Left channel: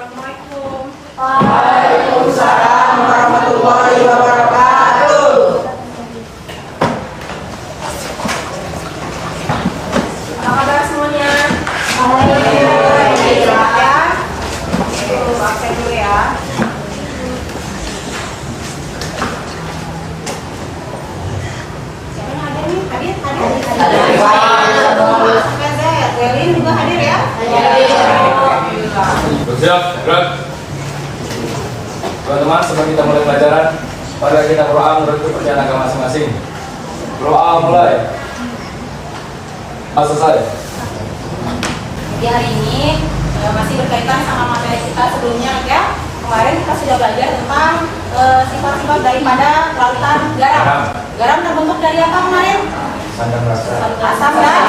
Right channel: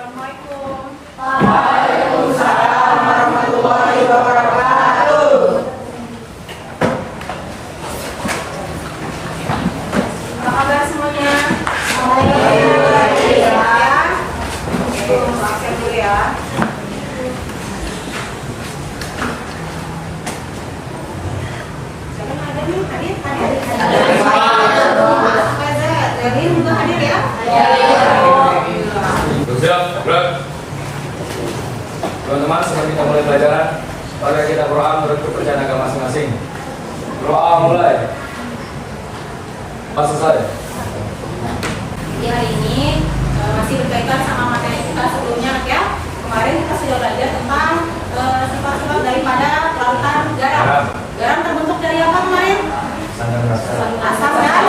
Assalamualaikum. Waalaikumsalam warahmatullahi wabarakatuh. Apa kabar semuanya? Alhamdulillah. Ya. Absen dulu ya. Siapa yang hadir nih? Hadir? Welin juga hadir ya? Siap, gerak. Teman-teman, sebelum kita mulai pelajaran, mari kita berdoa menurut kepercayaan agama masing-masing. Berdoa mulai. Selesai. Jadi hari ini masih berkaitan sama materi kita sebelumnya ya. Kemarin kita sudah belajar tentang sifat-sifat daripada kelautan garam. Garam terbentuk dari apa kemarin? Asam dan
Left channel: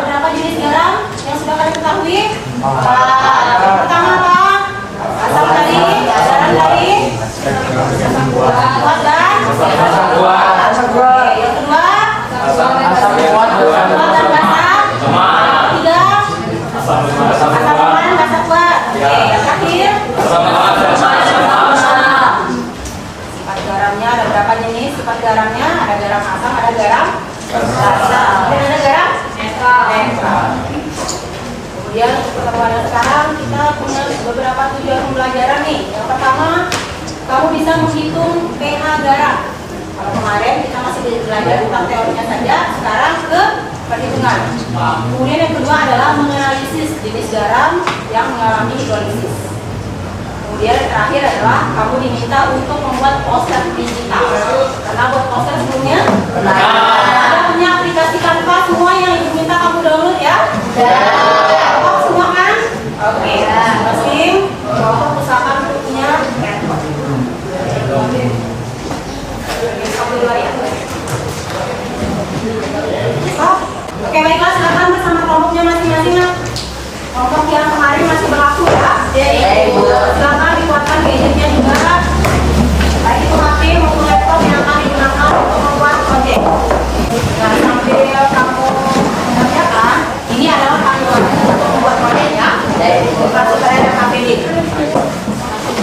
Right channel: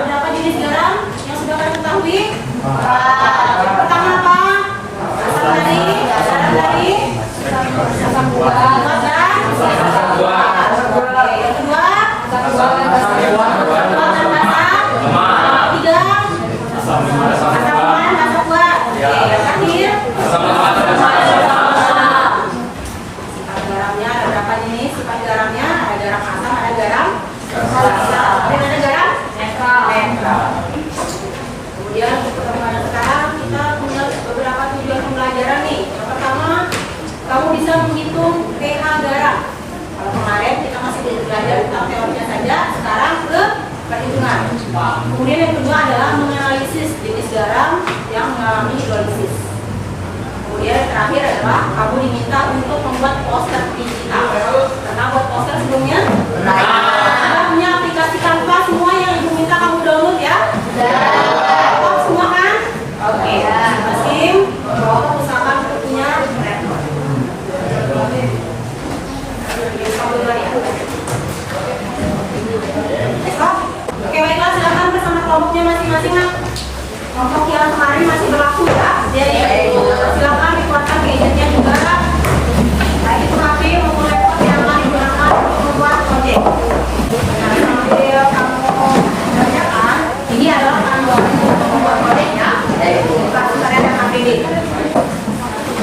beberapa jenis garam yang sudah kalian ketahui. Yang pertama apa? Asam dari garam dari asam kuat dan asam kuat. Yang kedua asam kuat dan basa. Tiga asam lemah dan basa kuat. Yang terakhir sifat garamnya ada berapa jenis? Sifat garamnya ada garam asam, ada garam basa, dan ada garam netral. Kemudian untuk pertemuan sekarang kita punya beberapa tujuan pembelajaran nih. Yang pertama, kamu bisa menghitung pH garam. Kalau kemarin kita masih belajar tentang teorinya saja, sekarang ke perhitungan. Kemudian yang kedua adalah menganalisis jenis garam yang mengalami hidrolisis. Kemudian yang terakhir adalah kamu diminta untuk membuat poster digital. Karena buat poster sebelumnya, kita punya aplikasi Canva semua yang ibu minta kamu download ya. Semua kan? Oke, masing usahakan bukunya. Oke, baiklah, silakan bersama kelompoknya masing-masing. Kelompok yang kemarin masih berlaku ya. Silakan dikuatkan gadgetnya juga. Baik itu HP maupun laptop yang akan digunakan untuk membuat proyek. Jangan sampai kamu mengerjakan. Ini adalah panduan untuk membuat proyeknya. Pasti pada ada KPD.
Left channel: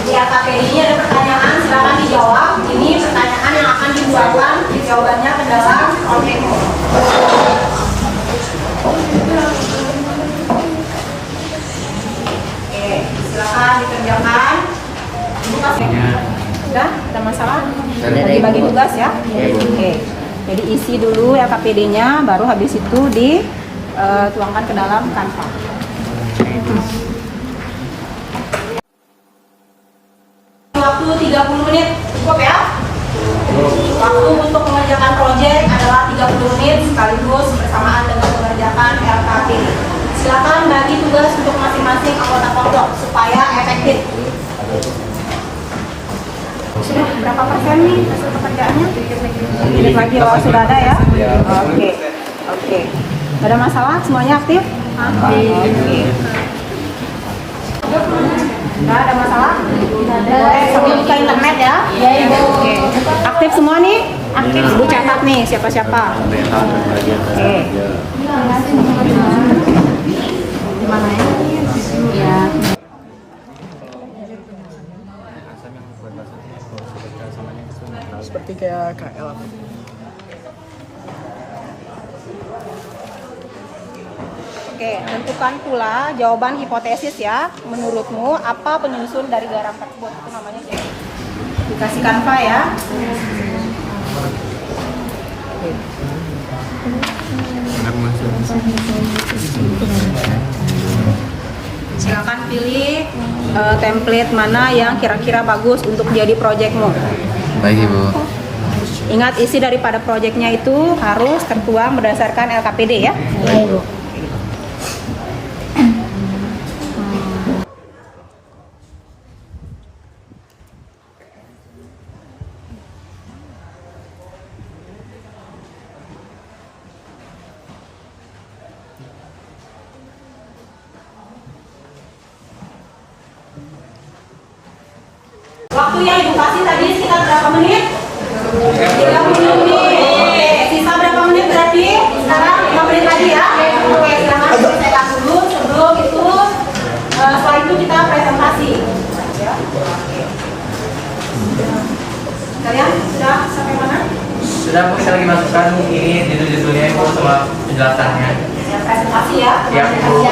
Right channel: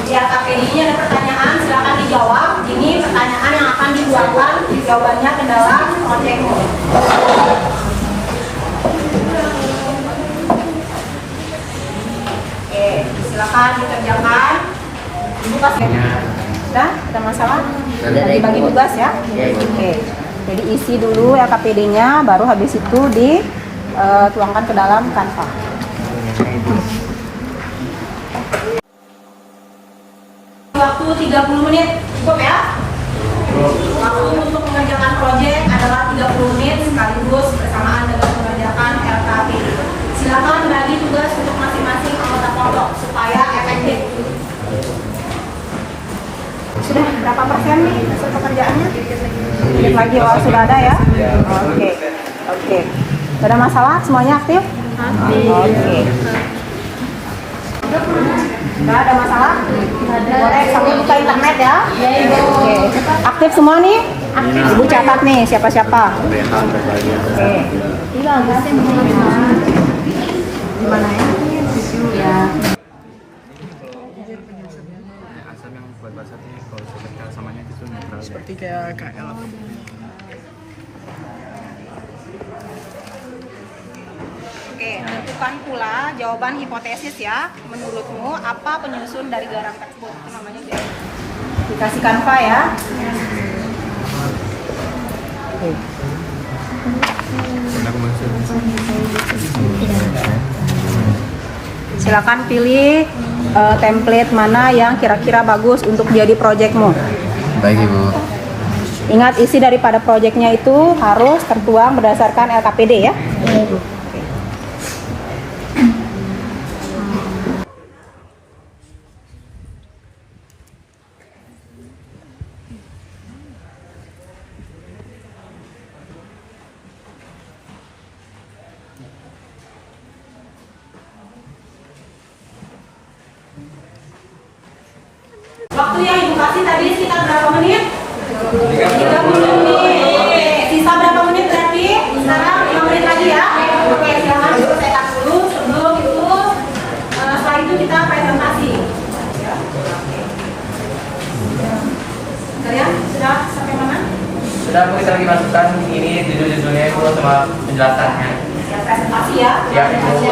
Di KPD ini ada pertanyaan, silakan dijawab. Ini pertanyaan yang akan dibuatkan jawabannya ke dalam proyekmu. Oke, silakan dikerjakan. Buka Udah, ada masalah? Bagi-bagi tugas ya. Oke. Jadi isi dulu LKPD-nya, baru habis itu dituangkan ke dalam Canva. Waktu 30 menit cukup ya. Waktu untuk mengerjakan proyek adalah 30 menit sekaligus bersamaan dengan mengerjakan LKPD. Silakan bagi tugas untuk masing-masing anggota kelompok supaya efektif. Sudah berapa persen nih hasil pekerjaannya? Sedikit lagi, oh sudah ada ya? Oke. Tidak ada masalah? Semuanya aktif? Aktif. Nggak ada masalah? Boleh sambil buka internet ya? Oke. Aktif semua nih? Aktif. Ibu catat nih siapa-siapa. Oke. Di mana ya? Ya. Seperti kayak KL apa? Oke, tentukan pula jawaban hipotesis ya. Menurutmu apa penyusun dari garam tersebut? Itu namanya jadi. Dikasih Canva ya. Silakan pilih template mana yang kira-kira bagus untuk jadi proyekmu. Baik Ibu. Ingat isi daripada proyeknya itu harus tertuang berdasarkan LKPD ya. Waktu yang Ibu kasih tadi sekitar berapa menit? 30 menit. Sisa berapa menit berarti? Sekarang 5 menit lagi ya. Oke, silakan cetak dulu sebelum itu setelah itu kita Sudah Bu, saya lagi masukkan ini judul-judulnya Ibu sama penjelasannya. Siap presentasi ya? Siap Ibu.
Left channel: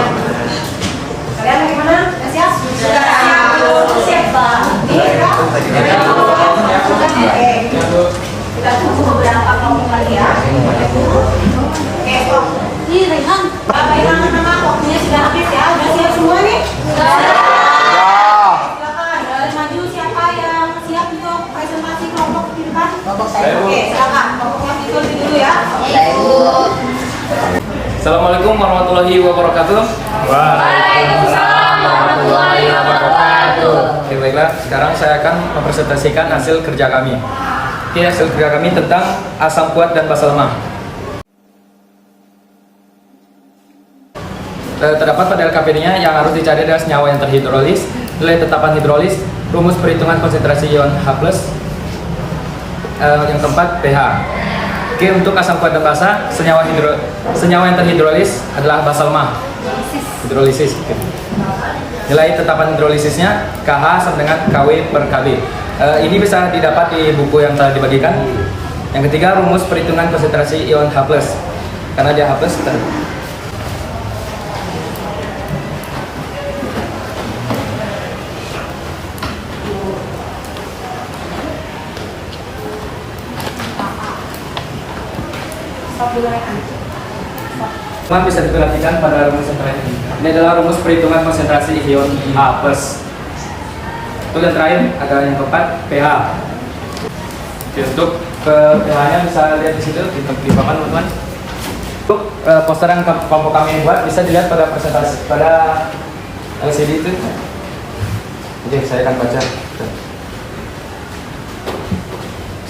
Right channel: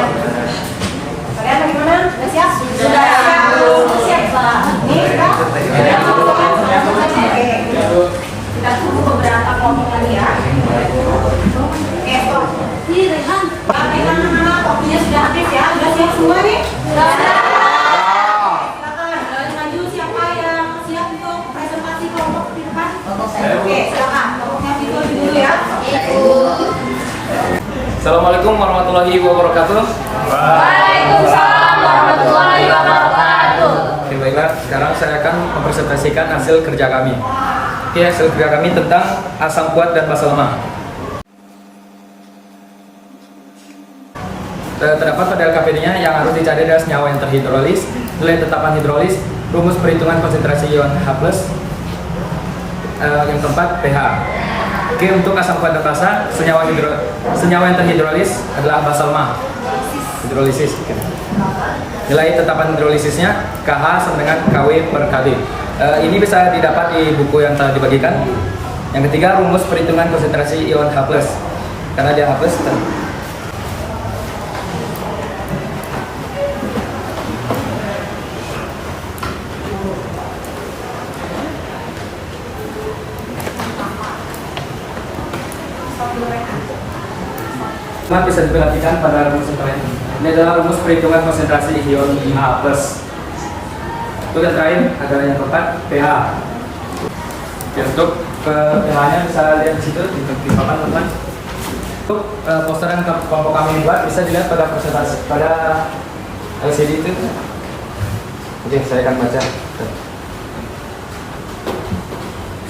Kalian bagaimana? Sudah siap? Sudah siap. Siap Bang. Oke. Kita tunggu beberapa kelompok lagi ya. Oke, Tom. Ini Rehan. Bagaimana nama waktunya sudah habis ya? Sudah siap semua nih? Sudah siap. Silakan. Maju siapa yang siap untuk presentasi kelompok di depan? Oke, silakan. Kelompoknya itu dulu ya. Assalamualaikum warahmatullahi wabarakatuh. Waalaikumsalam warahmatullahi wabarakatuh. Oke, baiklah, sekarang saya akan mempresentasikan hasil kerja kami. Oke, hasil kerja kami tentang asam kuat dan basa lemah. Terdapat pada LKPD-nya yang harus dicari adalah senyawa yang terhidrolis, nilai tetapan hidrolis, rumus perhitungan konsentrasi ion H+, yang keempat pH. Oke, untuk asam kuat dan basa, senyawa yang terhidrolis adalah basa lemah. Hidrolisis. Oke. Nilai tetapan hidrolisisnya KH sama dengan KW per KB. Ini bisa didapat di buku yang telah dibagikan. Yang ketiga, rumus perhitungan konsentrasi ion H+. Karena dia H+, bisa diperhatikan pada rumus yang terakhir. Ini adalah rumus perhitungan konsentrasi ion H+. Untuk yang terakhir adalah yang keempat pH. Oke, untuk pH-nya bisa lihat di situ di papan teman-teman. Untuk poster yang kelompok kami buat bisa dilihat pada presentasi pada LCD itu. Oke, saya akan baca.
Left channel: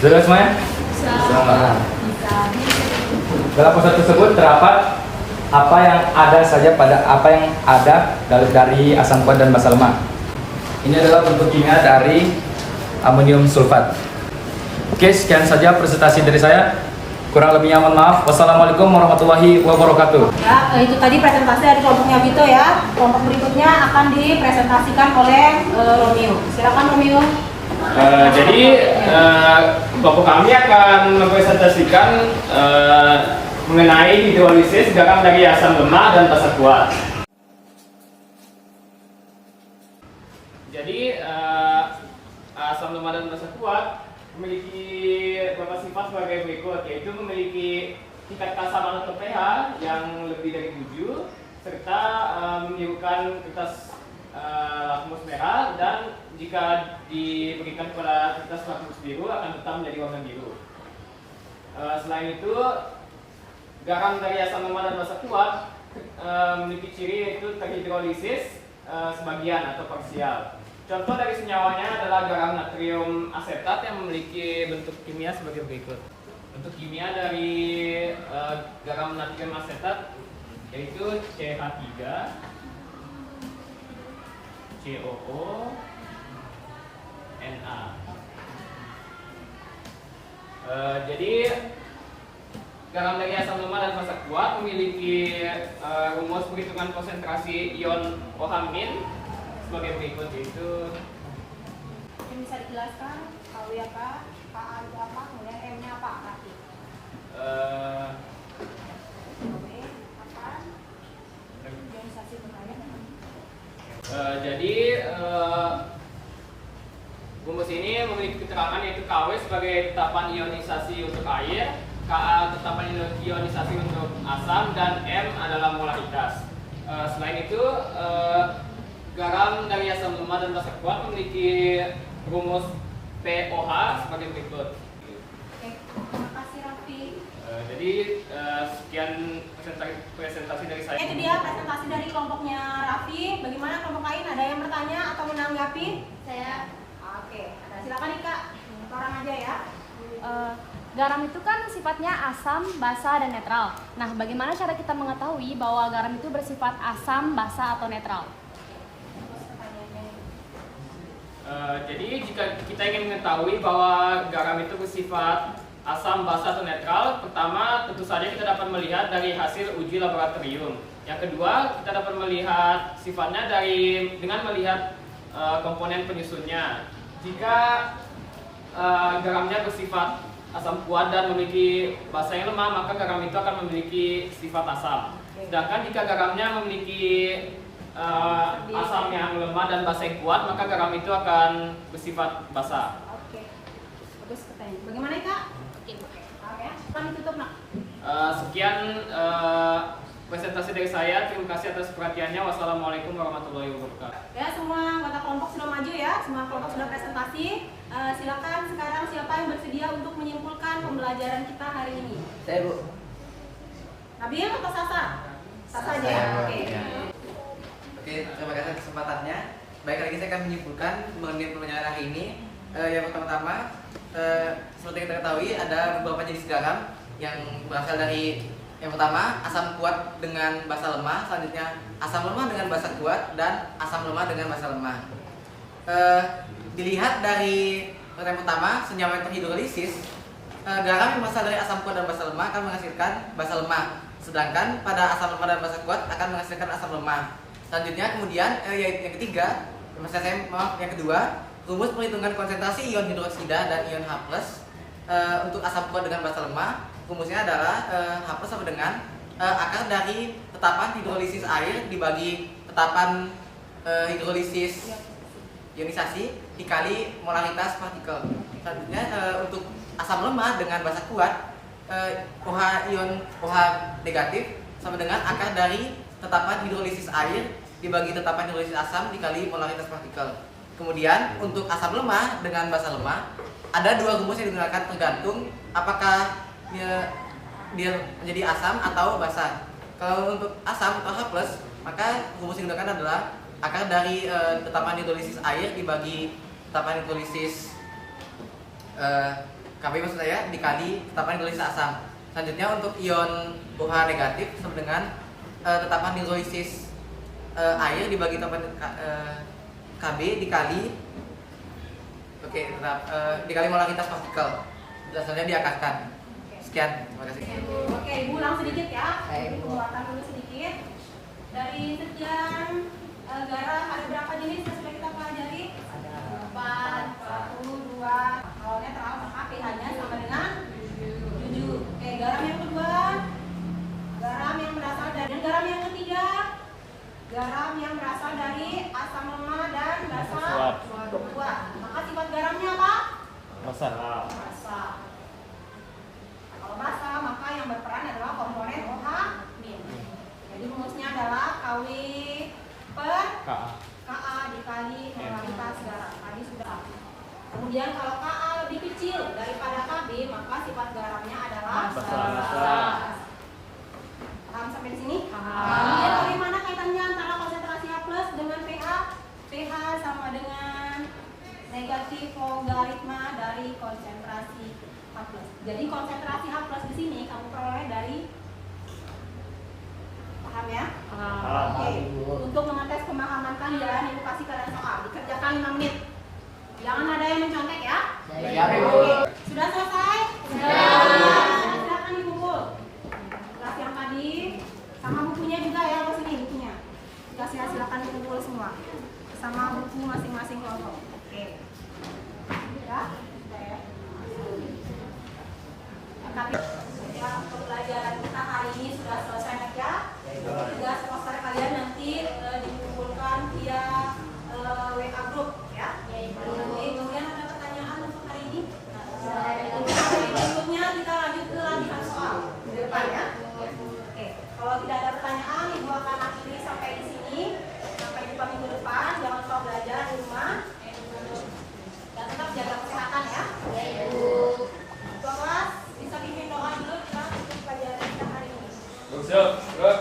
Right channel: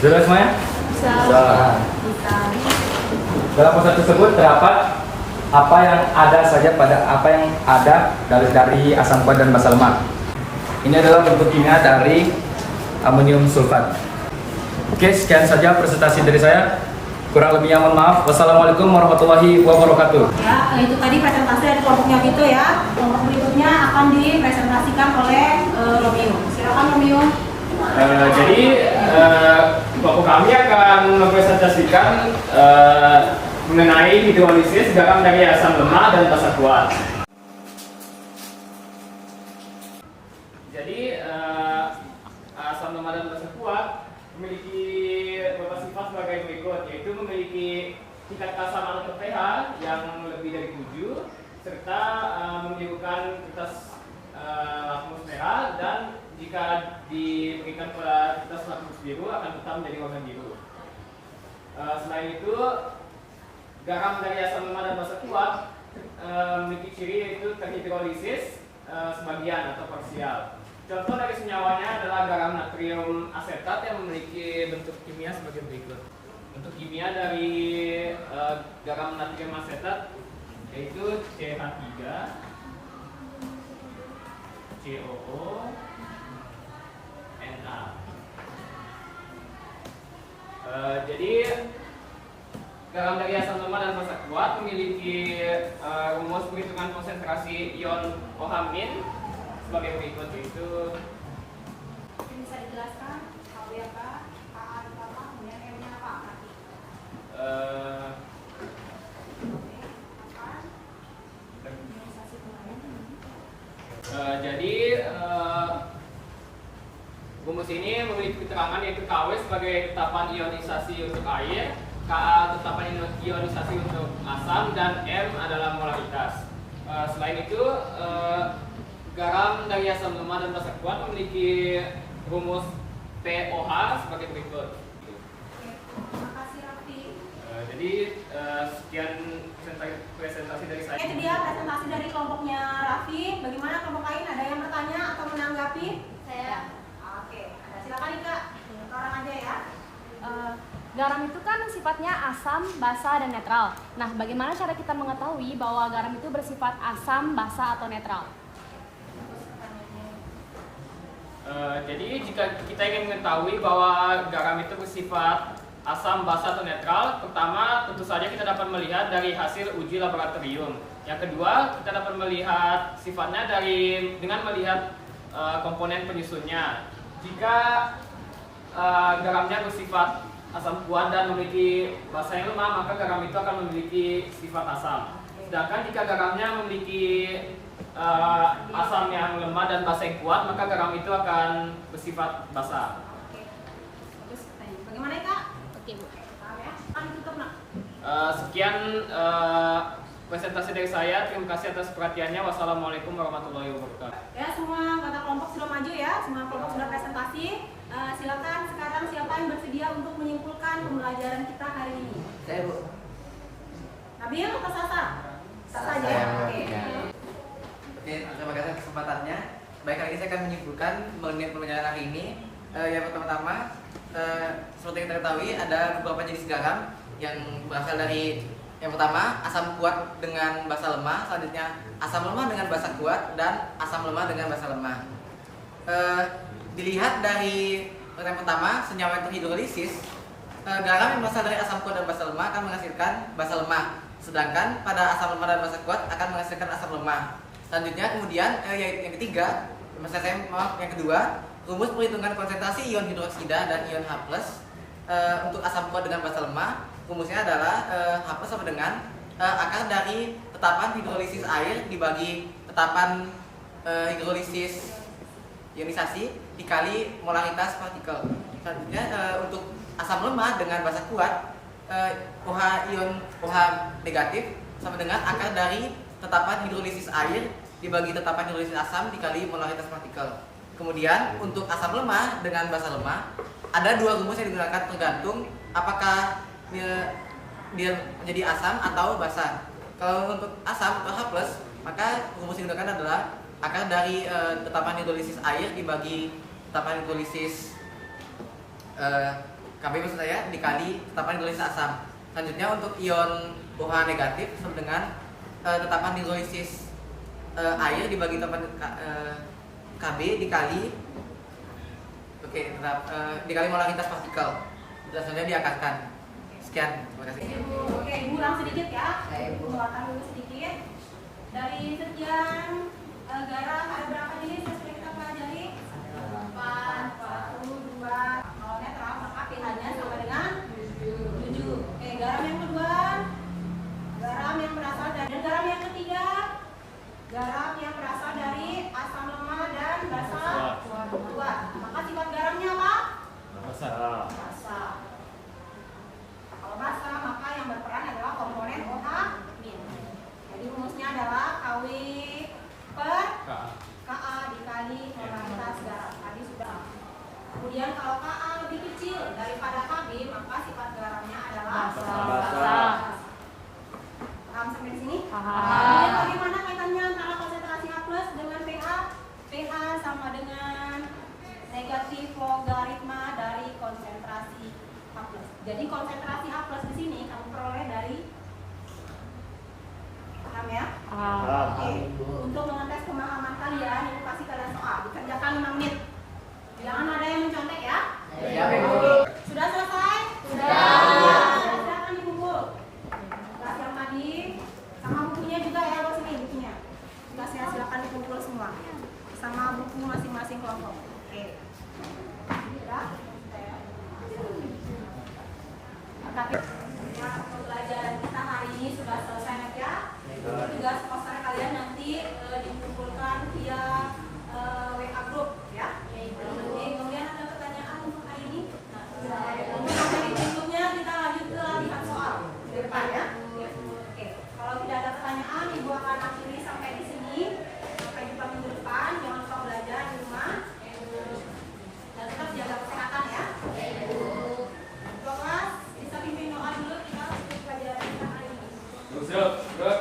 Sudah semuanya? Sudah. Dalam poster tersebut terdapat apa yang ada dari asam kuat dan basa lemah. Ini adalah bentuk kimia dari amonium sulfat. Oke, sekian saja presentasi dari saya. Kurang lebihnya mohon maaf. Wassalamualaikum warahmatullahi wabarakatuh. Ya, itu tadi presentasi dari kelompoknya Vito ya. Kelompok berikutnya akan dipresentasikan oleh Romeo. Silakan Romeo. Jadi kelompok kami akan mempresentasikan mengenai hidrolisis garam dari asam lemah dan basa kuat. Jadi asam lemah dan basa kuat memiliki beberapa sifat sebagai berikut, yaitu memiliki tingkat keasaman atau pH yang lebih dari 7 serta membirukan kertas lakmus merah, dan jika diberikan kepada kertas lakmus biru akan tetap menjadi warna biru. Selain itu, garam dari asam lemah dan basa kuat memiliki ciri yaitu terhidrolisis sebagian atau parsial. Contoh dari senyawanya adalah garam natrium asetat yang memiliki bentuk kimia sebagai berikut. Bentuk kimia dari garam natrium asetat yaitu CH3, COO, Na. Jadi garam dari asam lemah dan basa kuat memiliki rumus perhitungan konsentrasi ion OH- sebagai berikut, yaitu Bisa dijelaskan KW apa, KA itu apa, kemudian M-nya apa? Jadi rumus ini memiliki keterangan yaitu KW sebagai tetapan ionisasi untuk air, Ka tetapan ionisasi untuk asam, dan M adalah molaritas. Selain itu, garam dari asam lemah dan basa kuat memiliki rumus POH sebagai berikut. Terima kasih Raffi. Jadi sekian presentasi dari saya. Itu dia presentasi dari kelompoknya Raffi. Bagaimana kelompok lain? Ada yang bertanya atau menanggapi? Saya. Oke, silakan Ika. Sekarang aja ya. Garam itu kan sifatnya asam, basa, dan netral. Nah, bagaimana cara kita mengetahui bahwa garam itu bersifat asam, basa, atau netral? Jadi jika kita ingin mengetahui bahwa garam itu bersifat asam, basa, atau netral, pertama tentu saja kita dapat melihat dari hasil uji laboratorium. Yang kedua, kita dapat melihat sifatnya dengan melihat komponen penyusunnya. Jika garamnya bersifat asam kuat dan memiliki basa yang lemah, maka garam itu akan memiliki sifat asam. Sedangkan jika garamnya memiliki asam yang lemah dan basa yang kuat, maka garam itu akan bersifat basa. Oke. Terus pertanyaan. Bagaimana Kak? Oke. Kan ditutup nak. Sekian presentasi dari saya. Terima kasih atas perhatiannya. Wassalamualaikum warahmatullahi wabarakatuh. Ya, semua anggota kelompok sudah maju ya. Semua kelompok sudah presentasi. Silakan sekarang siapa yang bersedia untuk menyimpulkan pembelajaran kita hari ini? Saya Bu. Nabil atau Sasa? Sasa aja ya. Saya, Bu. Oke. Ya. Oke, terima kasih atas kesempatannya. Baik, kali ini saya akan menyimpulkan mengenai pembelajaran hari ini. Yang pertama-tama, seperti kita ketahui ada beberapa jenis garam yang berasal dari yang pertama asam kuat dengan basa lemah, selanjutnya asam lemah dengan basa kuat, dan asam lemah dengan basa lemah. Dilihat dari yang pertama, senyawa yang terhidrolisis, garam yang berasal dari asam kuat dan basa lemah akan menghasilkan basa lemah, sedangkan pada asam lemah dan basa kuat akan menghasilkan asam lemah. Selanjutnya kemudian yang ketiga, yang kedua, rumus perhitungan konsentrasi ion hidroksida dan ion H+ untuk asam kuat dengan basa lemah, rumusnya adalah H+ sama dengan akar dari tetapan hidrolisis air dibagi tetapan hidrolisis ionisasi dikali molaritas partikel. Selanjutnya untuk asam lemah dengan basa kuat, OH negatif sama dengan akar dari tetapan hidrolisis air dibagi tetapan hidrolisis asam dikali molaritas partikel. Kemudian untuk asam lemah dengan basa lemah ada dua rumus yang digunakan tergantung apakah dia menjadi asam atau basa. Kalau untuk asam atau H+, maka rumus yang digunakan adalah akar dari tetapan hidrolisis air dibagi tetapan hidrolisis Kb maksud saya dikali tetapan hidrolisis asam. Selanjutnya untuk ion OH negatif sama dengan tetapan hidrolisis air dibagi tetapan Kb dikali dikali molaritas partikel. Selanjutnya diakarkan. Sekian, terima kasih. Oke, Ibu ulang sedikit ya. Penguatan dulu sedikit. Dari sekian garam ada berapa jenis yang sudah kita pelajari? 42. Kalau netral maka pH-nya sama dengan 7. Oke, garam yang kedua, garam yang berasal dari garam yang ketiga, garam yang berasal dari asam lemah dan basa kuat. Maka sifat garamnya apa? Basa. Basa. Kalau basa maka yang berperan adalah komponen OH-. Jadi rumusnya adalah Kw per Ka dikali molaritas garam. Tadi sudah. Kemudian kalau Ka lebih kecil daripada Kb, maka sifat garamnya adalah basa. Paham sampai di sini? Kemudian bagaimana kaitannya antara konsentrasi H+ dengan pH? pH sama dengan negatif logaritma dari konsentrasi H+. Jadi konsentrasi H+ di sini kamu peroleh dari, paham ya? Oke. Untuk mengetes pemahaman kalian, Ibu kasih kalian soal. Dikerjakan 5 menit. Jangan ada yang mencontek ya. Ya, Bu. Sudah selesai? Sudah. Silakan dikumpul. Kelas yang tadi sama bukunya juga ya, Bos, ini bukunya. Kelasnya silakan dikumpul semua. Sama buku masing-masing kelompok. Oke. Sudah? Sudah ya. Tapi ya, pembelajaran kita hari ini sudah selesai ya. Tugas poster kalian nanti dikumpulkan via WA group ya. Nanti kemudian ada pertanyaan untuk hari ini. Untuk hari berikutnya kita lanjut ke latihan soal di depan ya. Oke, kalau tidak ada pertanyaan, Ibu akan akhiri sampai di sini. Sampai jumpa minggu depan. Jangan lupa belajar di rumah dan tetap jaga kesehatan ya. Ketua kelas bisa pimpin doa dulu kita untuk pelajaran kita hari ini. Siap, gerak.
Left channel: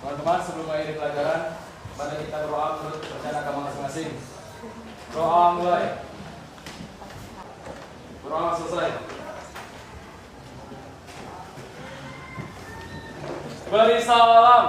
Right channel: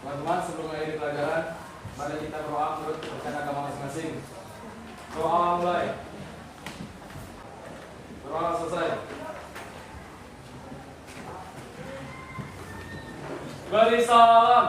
Teman-teman, sebelum mulai pelajaran, mari kita berdoa menurut kepercayaan agama masing-masing. Doa mulai. Doa selesai. Beri salam.